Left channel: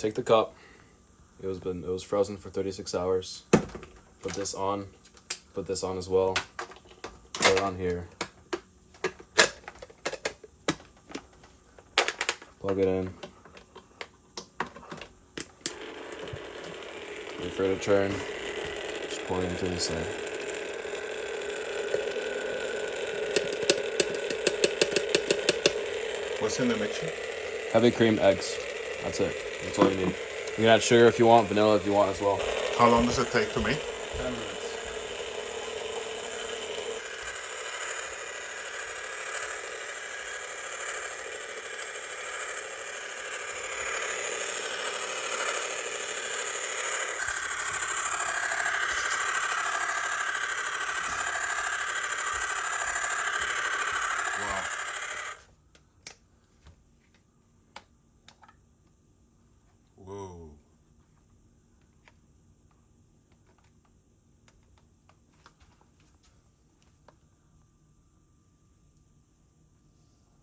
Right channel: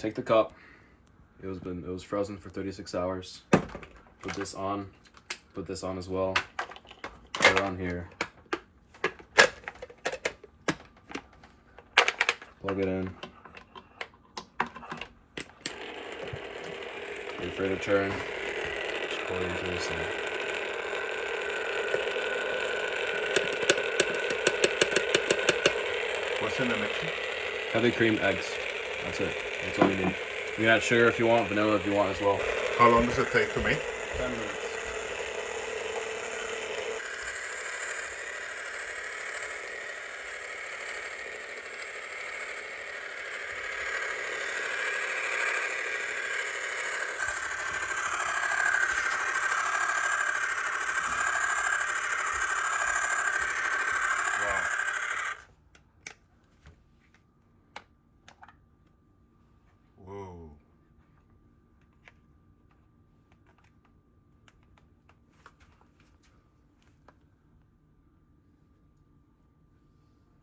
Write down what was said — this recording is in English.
take the cup. It was frozen for 36 hours. Put this on as well. Put it on here. Plug it in. Wait for it to churn. Just pour it into the sink. What's in the mixture? Heavy cream eggs. That's it. That's all you need. You can add sugar if you want, vanilla if you want as well. How long does it take to make? 10 minutes.